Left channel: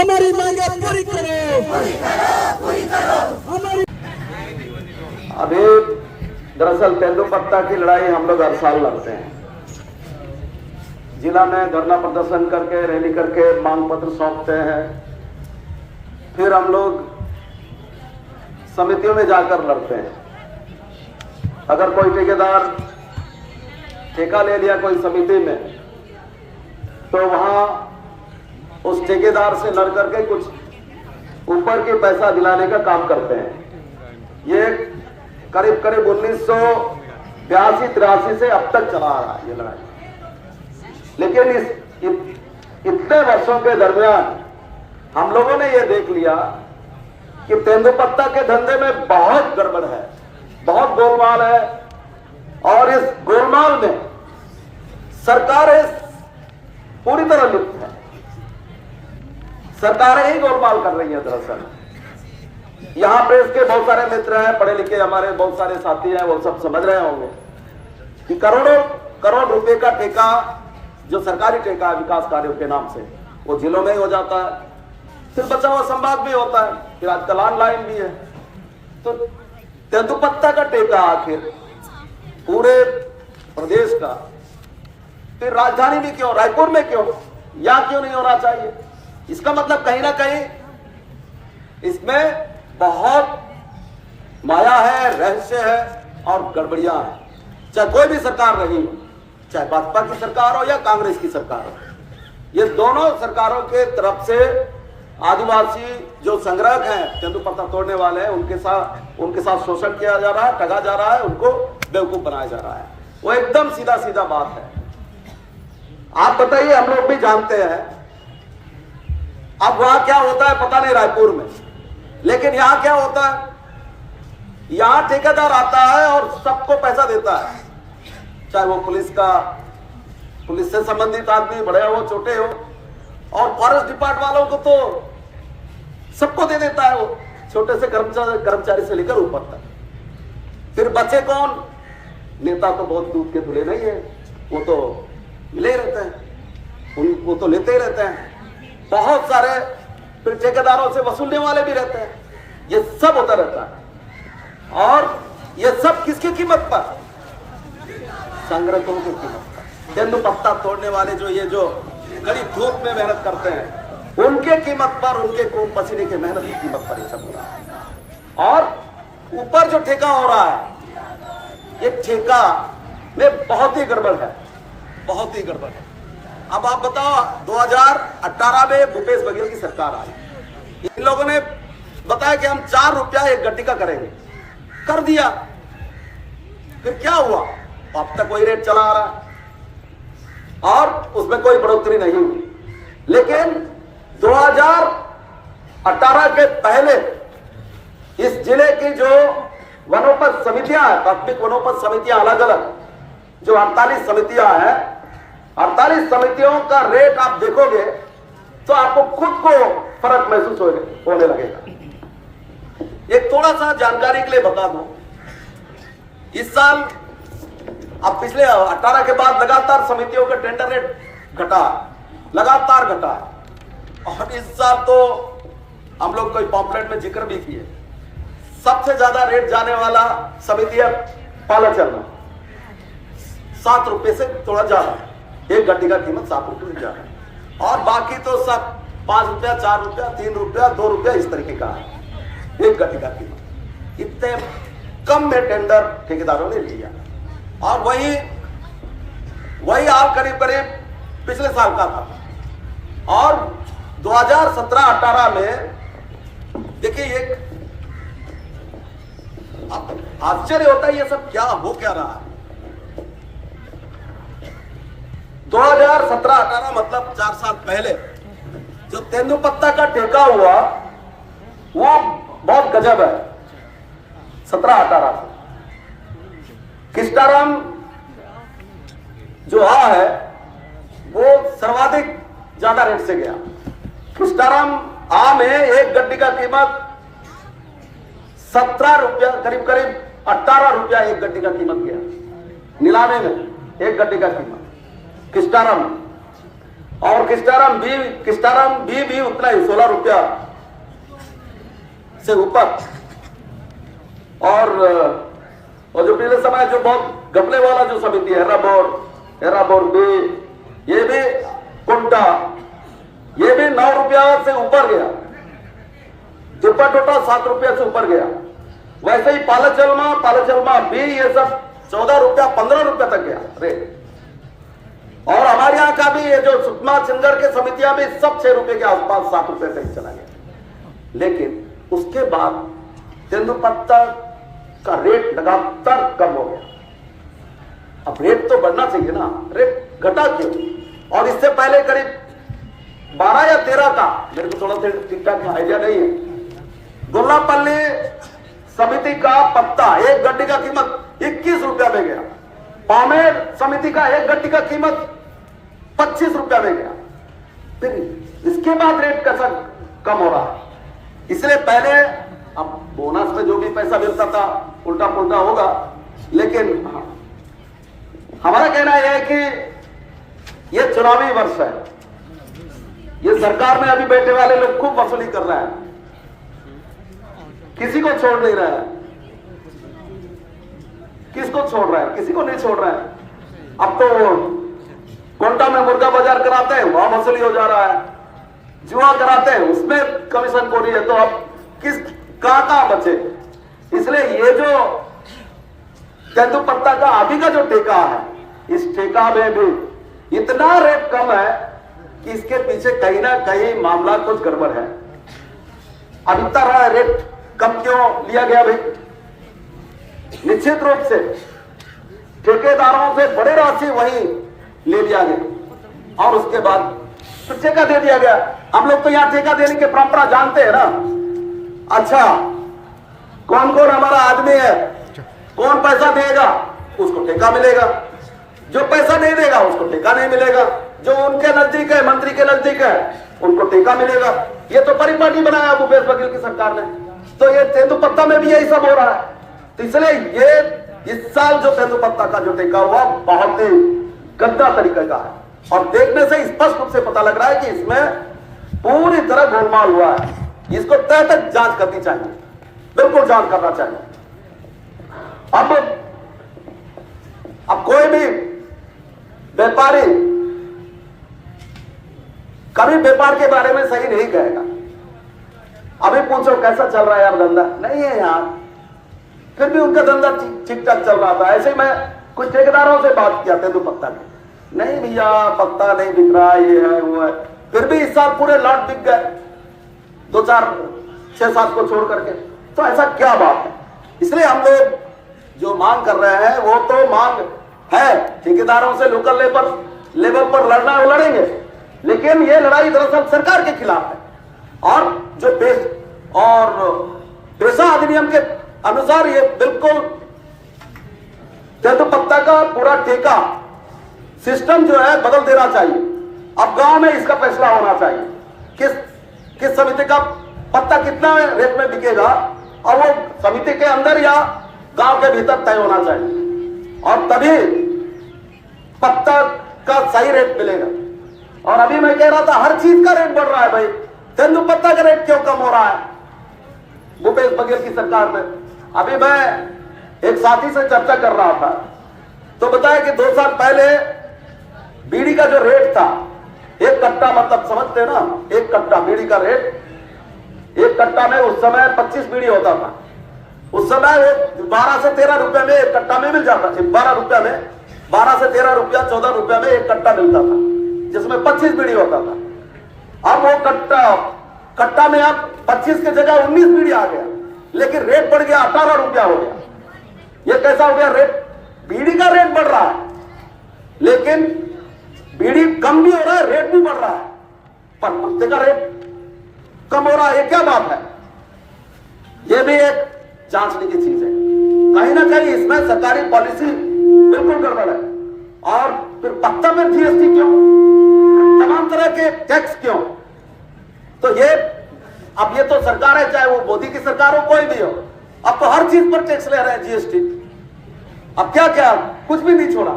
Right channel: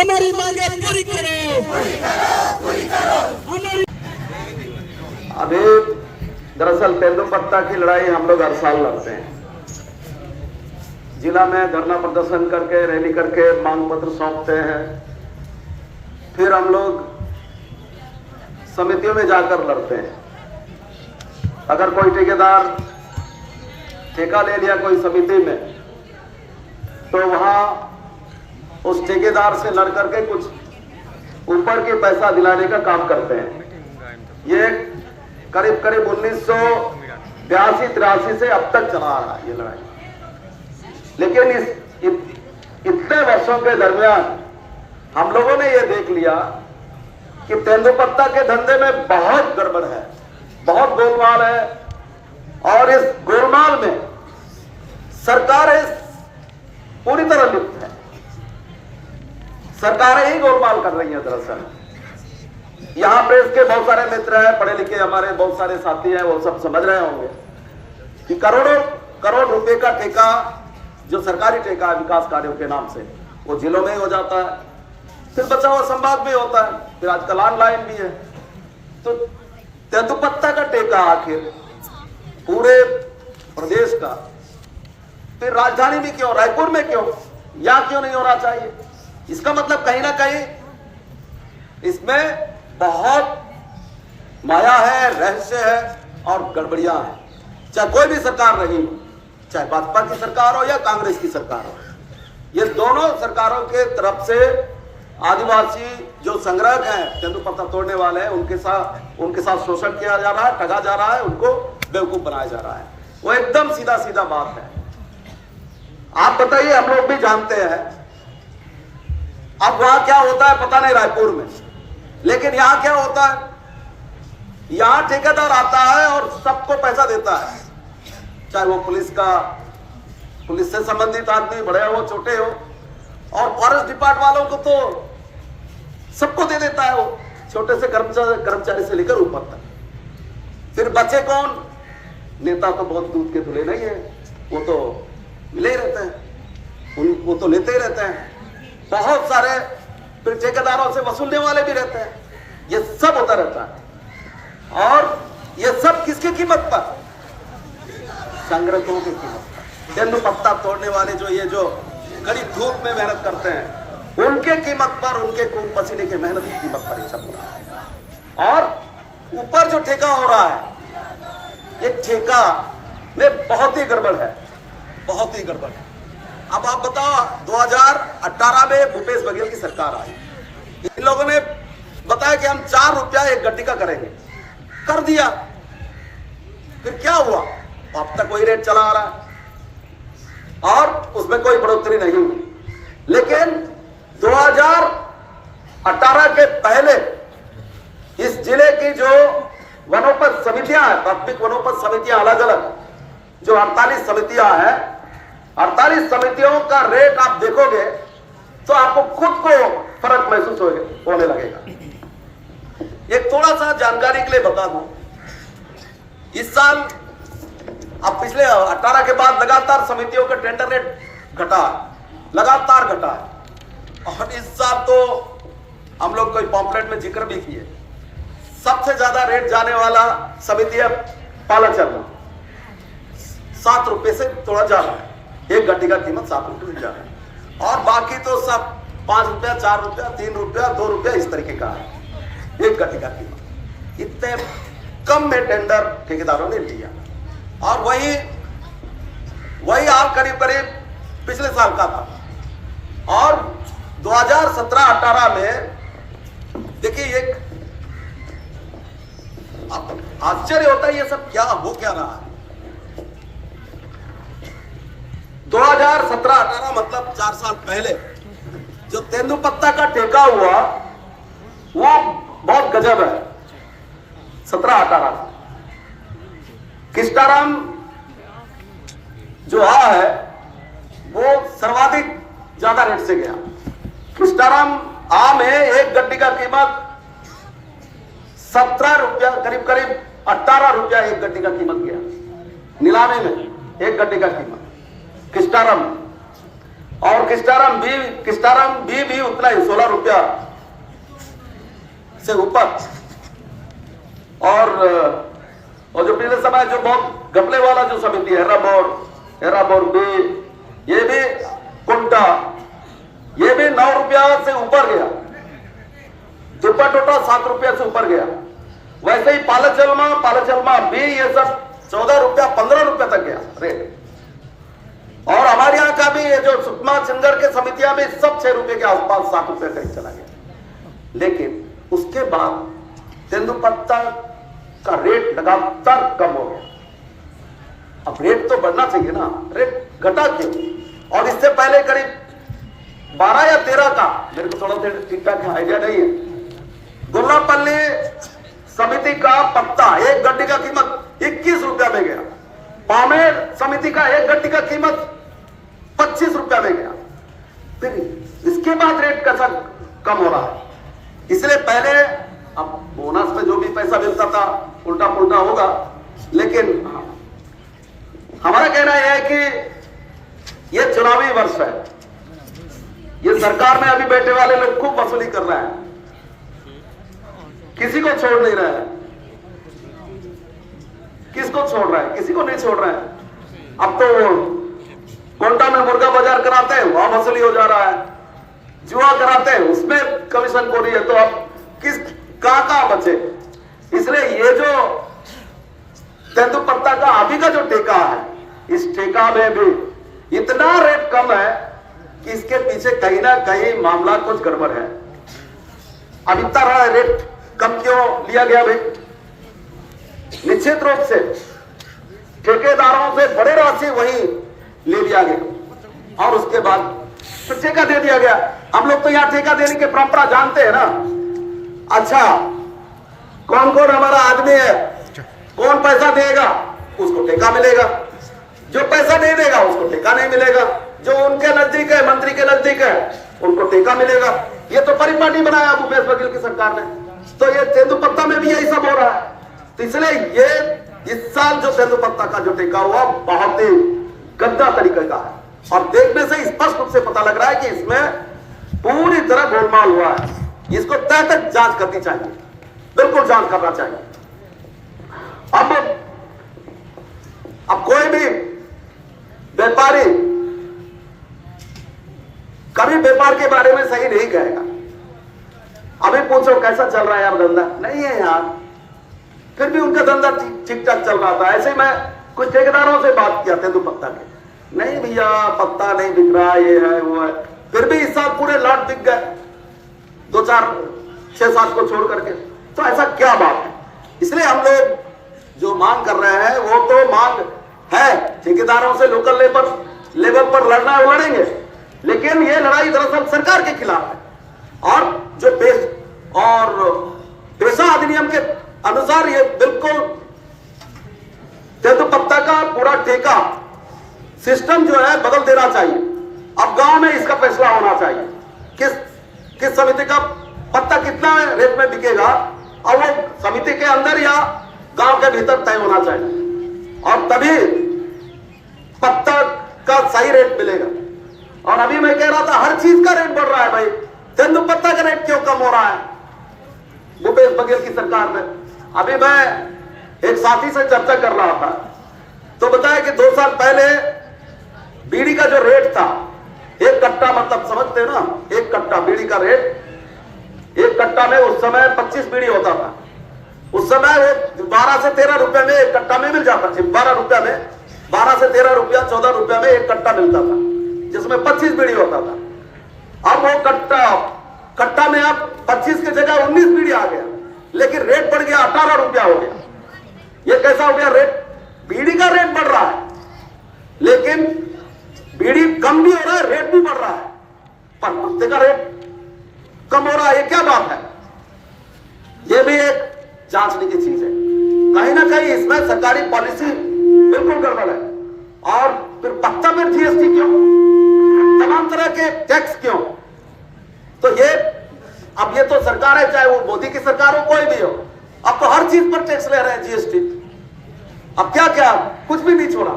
हमारी मांगे पूरी करो। हमारी अभी दरअसल तेंदुपत्ता की लड़ाई हम लोग हर साल लड़ते हैं। जिला में धरना प्रदर्शन करके, रैली करके मांग पत्र सौंपते हैं, फिर हम लोग समितियों में जाकर लड़ते हैं। अगर कोई ठेकेदार ठेका ले लिया कोई समिति में, तो वहां उस ठेकेदार से लड़ करके कुछ ऊपर के पैसा दिलाने का काम करते हैं। ये करीब 1982-83 से अब तक चला आ रहा है ये लड़ाई। लेकिन इतने वर्षों के दरमियान हम लोगों ने ये देख लिया कि तेंदुपत्ता के धंधे में बहुत गड़बड़ है, बहुत गोलमाल है, और इस गोलमाल में सरकारें पूरी तरह लिप्त है। सरकारें ही गोलमाल कर रही हैं। दरअसल यहां पे इसके बहुत सारे मित्र हैं, पढ़े लिखे हमारे बहुत सारे साथी हैं, वो सब समझ रहे होंगे कि करोड़ों करोड़ रुपए का ठेका, जो सरकारी ठेका है विकास कार्यों के नाम से, वो जिलों में हो जाता है, फिर बचा हुआ संभाग भी होता है, फिर आजकल ऑनलाइन भी है। तो तेंदुपत्ता का ठेका आखिर पूरे प्रदेश का, फिर राजधानी में क्यों, रायपुर में क्यों, यहां क्यों नहीं होना चाहिए? इसका मतलब कहीं ना कहीं इसमें बहुत माया है, रहस्य है और गड़बड़ियां हैं। चाहे कोई भी सरकार रही, चाहे भाजपा की सरकार हो या कांग्रेस की सरकार हो, ये दोनों सरकारों के तरफ से आदिवासी जो संग्राहक हैं, तेंदुपत्ता तोड़ने वाले हैं, उनके साथ शोषण किया जा रहा है, ठगा जा रहा है, उनको बेवकूफ बनाया जा रहा है। वो एकदम सीधा सीधा बात है। आप बताइए, हम लोग भी जानते हैं। अब वहां क्या होता है पता नहीं रायपुर में, लेकिन यहां क्या होता है, यहां ठेकेदार आता है और सबको पैसा देता है, चाहे वो पुलिस से संबंधित आदमी, बड़े हो छोटे हो, और फॉरेस्ट डिपार्टमेंट वालों को तो सबको दे देता है, वो छोटे से कर्मचारी से लेकर ऊपर तक। फिर बचे कौन? नेता तो बहुत दूध के धुले नहीं है, वो तो मिले ही रहते हैं, वो तो लेते ही रहते हैं। बहुत सारे फिर ठेकेदारों से वसूलने वाले भी रहते हैं। ये सब होता रहता है, और ये सब किसकी कीमत पर? संग्राहकों की कीमत पर। तेंदुपत्ता तोड़ने वाले जो कड़ी धूप में मेहनत करते हैं, उनके कीमत पर, उनके खून पसीने की मेहनत की कीमत पर ये चल रहा है। और ऊपर जो ठेका हो रहा है, ये ठेका में बहुत ही गड़बड़ है, बहुत ही गड़बड़ है। अब आप बताओ, 2018 में भूपेश बघेल की सरकार आई, इन लोगों ने बताया कि हम 4 रुपया एक गड्डी का करेंगे, कर दिया। फिर क्या हुआ? अब तक वही रेट चला आ रहा और उसमें कोई बढ़ोतरी नहीं हुई। लेकिन 2018 के पहले इस जिले की जो वनोपज समितियां हैं, प्राथमिक वनोपज समितियां अलग अलग, जो 48 समितियां हैं, 48 समितियों का रेट आप देखोगे तो आपको खुद को फर्क महसूस होने लगेगा। एक थोड़ा सा जानकारी के लिए बता दूं, इस साल, अब पिछले 18 के बाद लगातार समितियों का टेंडर रेट घटा, लगातार घटा है। और इस साल तो हम लोग कोई पॉम्पलेट में जिक्र भी किए, सबसे ज्यादा रेट जाने वाला समिति है पालाचरण, 7 रुपए से थोड़ा जा रहा है, एक गड्डी का कीमत 7 रुपए जा रहा है, और बाकी तो सब 5 रुपया, 4 रुपया, 3 रुपया, 2 रुपया इस तरीके का है एक गड्डी का कीमत। इतने कम में टेंडर ठेकेदारों ने लिया, और वही हाल करीब पिछले साल का था। और 2017-18 में देखिए, एक आश्चर्य होता है, ये सब क्या हो क्या रहा है। 2017-18 मतलब 4 साल पहले जो तेंदुपत्ता का ठेका हुआ, वो बहुत गजब है। 17-18 किस्टाराम जो है वो सर्वाधिक ज्यादा रेट से गया। किस्टाराम आम है, एक गड्डी का कीमत 17 रुपया, करीब 18 रुपया एक गड्डी का कीमत गया नीलामे में, एक गड्डी का कीमत किस्टाराम। और किस्टाराम बी भी उतना ही 16 रुपया से ऊपर। और जो पिछले समय जो बहुत घपले वाला जो समिति है हेराबोर बी, ये भी कुंटा, ये भी 9 रुपया से ऊपर गया। दुपा टोटा 7 रुपया से ऊपर गया। वैसे ही पालचलमा भी, ये सब 14 रुपया 15 रुपया तक गया रेट। और हमारे यहाँ का भी ये जो सुकमा चिंगर के समितियां भी सब 6 रुपए के आसपास 7 रुपए तक चला गया। लेकिन उसके बाद तेंदुपत्ता का रेट लगातार कम हो गया। अब रेट तो बढ़ना चाहिए ना, रेट घटा क्यों? और इससे पहले करीब 12 या 13 का, मेरे को थोड़ा ठीक ठाक आइडिया नहीं है, गुल्लापल्ली समिति का पत्ता एक गड्डी का कीमत 21 रुपया में गया। पामेर समिति का एक गड्डी का कीमत 25 रुपया में गया। फिर इसके बाद रेट कैसा कम हो रहा है? इसलिए पहले, अब बोनस में जो भी पैसा मिलता था उल्टा पुल्टा होगा, लेकिन हमारा कहना यह है कि यह चुनावी वर्ष है। ये सरकार में अभी बैठे वाले लोग खूब वसूली कर रहे हैं, किसी को छोड़ नहीं रहा है। किसको छोड़ रहा है? किसी को नहीं छोड़ रहा है। अब तो कोंटा में मुर्गा बाजार कराते हैं, वहां वसूली हो जा रहा है। जुआ कराते हैं, उसमें कमीशन को नहीं है। तो अब किस कहां बचे? इसलिए ये जो तेंदुपत्ता का अभी का जो ठेका है, इस ठेका में भी इतना रेट कम है कि इसके पीछे कहीं ना कहीं मामला कुछ गड़बड़ है। अब इतना रेट कम क्यों लिया गया भाई? निश्चित रूप से ठेकेदारों से बड़े राशि वहीं ले लिया गया और उसके बाद फिर ठेका दे दिया गया। हम लोग तो यहाँ ठेका देने की परंपरा जानते हैं ना। अच्छा, कौन कौन हमारा आदमी है, कौन पैसा देगा उसको ठेका मिलेगा, जो पैसा नहीं देगा उसको ठेका नहीं मिलेगा, जो उनके नजदीक है, मंत्री के नजदीक है, उनको ठेका मिलेगा। ये तो परिपाटी बनाया भूपेश बघेल की सरकार ने। तो ये तेंदुपत्ता में भी यही सब हो रहा है। तो इसलिए ये इस साल जो तेंदुपत्ता का जो ठेका हुआ बहुत ही गंदा तरीके का है और देखने से स्पष्ट रूप से पता लग रहा है कि इसमें पूरी तरह गोलमाल हुआ है। इसको तय तक जांच करनी चाहिए, बिल्कुल जांच करना चाहिए। अब कोई भी व्यापारी कभी व्यापार के बारे में सही नहीं कहेगा। अभी पूछो कैसा चल रहा है यार धंधा, नहीं है यार, फिर भी उनका धंधा ठीक ठाक चल रहा था। ऐसे मैं कुछ ठेकेदारों से बात किया तेंदुपत्ता के, नहीं भैया पत्ता नहीं बिक रहा, ये है वो है। फिर भी इस साल पूरे लॉट बिक गए, 2 4 6 7 को छोड़ करके। तो ऐसा क्या बात है? इसलिए हम लोग जो मांग कर रहे हैं वो तो मांग है, ठेकेदारों से लोकल लेवल पर लड़ेंगे, लेकिन ये लड़ाई दरअसल सरकार के खिलाफ है। और जो पेशा अधिनियम के अनुसार ये बिल्कुल तेंदुपत्ता का पूरा ठेका सिस्टम जो है बदल देना चाहिए। अब गांव में इसका फैसला होना चाहिए किस समिति का पत्ता कितना रेट में बिकेगा, और वो समिति के अंदर या गांव के भीतर तय होना चाहिए, और तभी पत्ता का सही रेट मिलेगा। और अभी मैं कह रहा था हर चीज का रेट बढ़ रहा है भाई, तेंदुपत्ता का रेट क्यों कम हो रहा है भूपेश बघेल की सरकार में? अभी मैं एक साथी से चर्चा कर रहा था तो बताया कि 2 साल पहले बीड़ी का जो रेट था, एक कट्टा, मतलब समझते हो ना, एक कट्टा बीड़ी का रेट, एक कट्टा में उस समय 25 बीड़ी होता था। उस समय 12 से 13 रुपए में एक कट्टा में मिल जाता था। 12 रुपया में, 12 से 13 रुपया, 14 रुपया में एक कट्टा मिलता था, जिसमें 25 बीड़ी होता था। अब वो कट्टा में अब 25 की जगह 19 बीड़ी आ गया, लेकिन रेट बढ़ गया, 18 रुपया हो गया। ये कैसा हो गया? रेट, बीड़ी का रेट बढ़ रहा है, लेकिन बीड़ी कम भी हो रहा है, रेट भी बढ़ रहा है, पर पत्ते का रेट कम हो रहा है। ये क्या बात है? ये भी एक जांचने की चीज है। कहीं ना कहीं इसमें सरकारी पॉलिसी बिल्कुल गड़बड़ है। और फिर पत्ता में जीएसटी क्यों, तमाम तरह के टैक्स क्यों? तो अब ये तो सरकार है, चाहे वो मोदी की सरकार हो, कोई भी हो, अब तो हर चीज पर टैक्स ले रहे हैं, जीएसटी। अब क्या क्या, कुछ भी नहीं छोड़ा।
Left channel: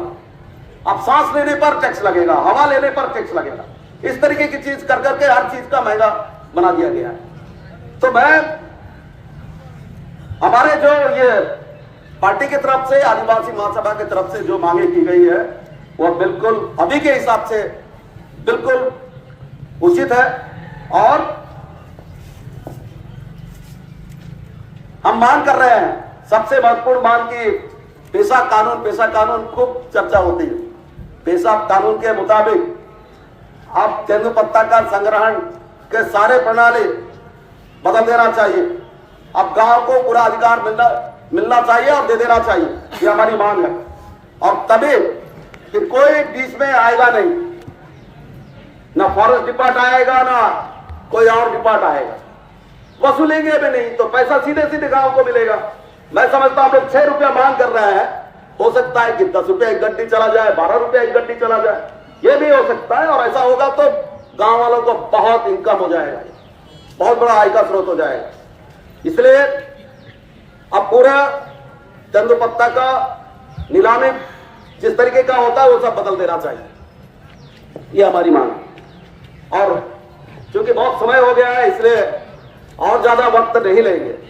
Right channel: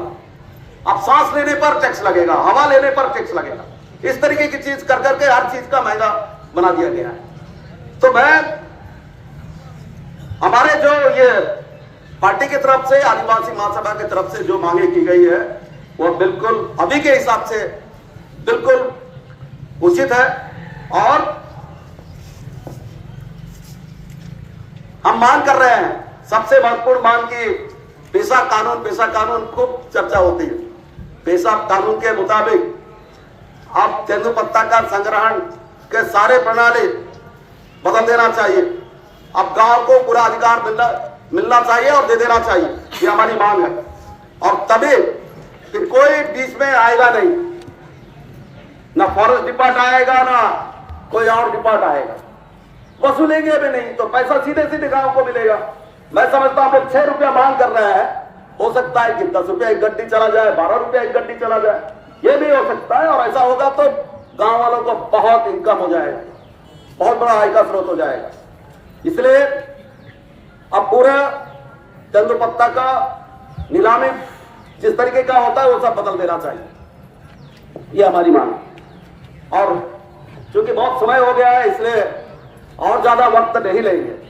अब सांस लेने पर टैक्स लगेगा, हवा लेने पर टैक्स लगेगा, इस तरीके की चीज कर करके हर चीज का महंगा बना दिया गया है। तो मैं हमारे जो ये पार्टी की तरफ से, आदिवासी महासभा की तरफ से जो मांगे की गई है वो बिल्कुल अभी के हिसाब से बिल्कुल उचित है। और हम मांग कर रहे हैं, सबसे महत्वपूर्ण मांग की पेशा कानून खूब चर्चा होती है। पेशा कानून के मुताबिक अब तेंदुपत्ता का संग्रहण के सारे प्रणाली बदल देना चाहिए। अब गांव को पूरा अधिकार मिलना चाहिए और दे देना चाहिए, ये हमारी मांग है। और तभी कि कोई बीच में आएगा नहीं, ना फॉरेस्ट डिपार्टमेंट आएगा ना कोई और डिपार्टमेंट आएगा, वसूलेंगे भी नहीं तो पैसा सीधे सीधे गांव को मिलेगा। मैं समझता हूं हम लोग 6 रुपया मांग कर रहे हैं, हो सकता है कि 10 रुपया एक गड्डी चला जाए, 12 रुपया एक गड्डी चला जाए, ये भी हो सकता है। और ऐसा होगा तो गांव वालों को बहुत इनकम हो जाएगा, बहुत बड़ा आय का स्रोत हो जाएगा। इसलिए अब पूरा तेंदुपत्ता का नीलामी जिस तरीके का होता है वो सब बदल देना चाहिए, ये हमारी मांग है। और चूंकि बहुत समय हो गया है इसलिए और ज्यादा वक्त नहीं लेंगे।